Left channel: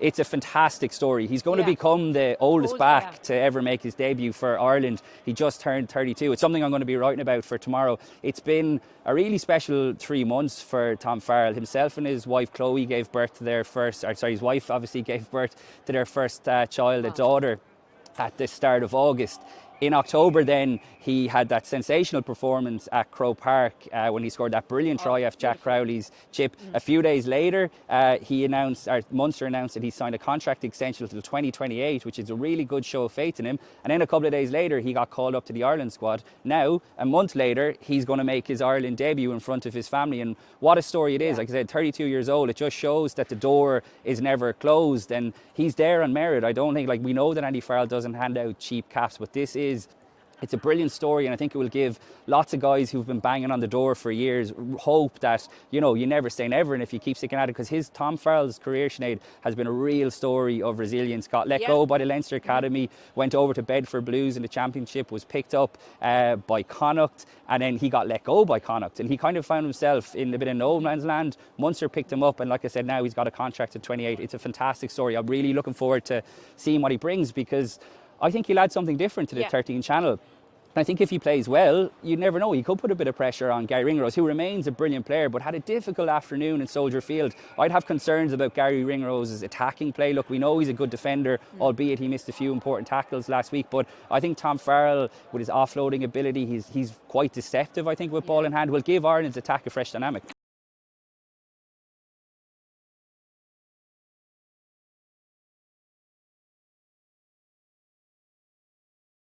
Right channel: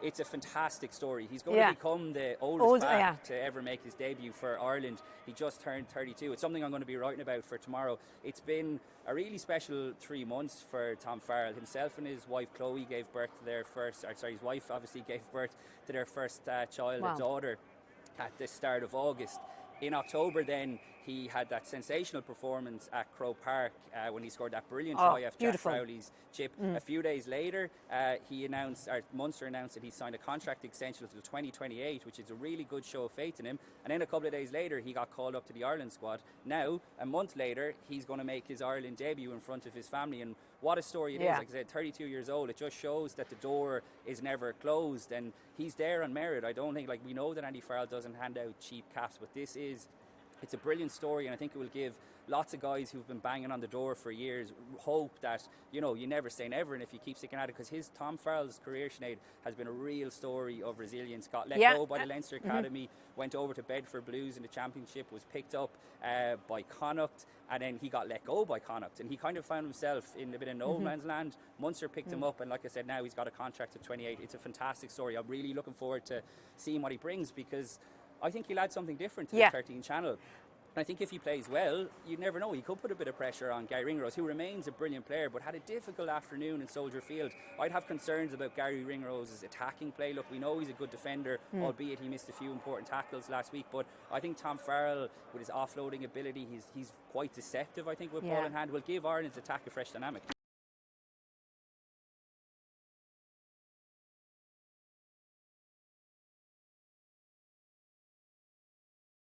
it's a fantastic story. He's going to become the oldest back to ever make his debut for Ireland. He just turned 32. It's something I'm going to be writing about for tomorrow. It's been a really special 3 months for Tom Farrell. Himself and his wife Chloe gave birth to their first, his wife obviously gave birth to their first child, a daughter, at the start of August. In October then, he had that sensational performance at Croke Park when he scored that brilliant try off Jack Crowley's chip. A few days later, Munster announced that he signed a contract extension until 2028, which is a really good show of faith in him. And then a couple of days later, he got called up to the Ireland squad. Now, a month later, he's going to make his Ireland debut in front of his family. And what a story it is. Like I said, 32 years old. It just shows that the door is never closed. And he's there on merit. I don't think, we know that Andy Farrell doesn't hand out cheap caps, but it's a brilliant story, and I think it will give lots of guys who've been banging on the door for years hope that, you never say never, and if you keep sticking at it, because Tom Farrell's career, Sinead, has been a real story of resilience. Got let go by the Leinster Academy, went over to Bedford Blues in the Championship, was picked up by Connacht, and then he got let go by Connacht, and he kind of found himself in a bit of no man's land. Munster picked him up, and like I said, now he's got a contract at 28. It's a fantastic story. I'm really looking forward to seeing what he brings, because I think he'll add something different to the 13 channel. I think if he plays well, you never know. He could put a bit of pressure on Gary Ringrose, who remains a brilliant player, but had a difficult afternoon in Soldier Field. I'd have concerns about Gary Ringrose's attacking play. Look, we know he's a good defender, albeit he missed a few important tackles last week. But I think Tom Farrell, with his offloading ability, he's quite deceptive, I think, with ball in hand, will give Ireland's attack a fresh dynamic.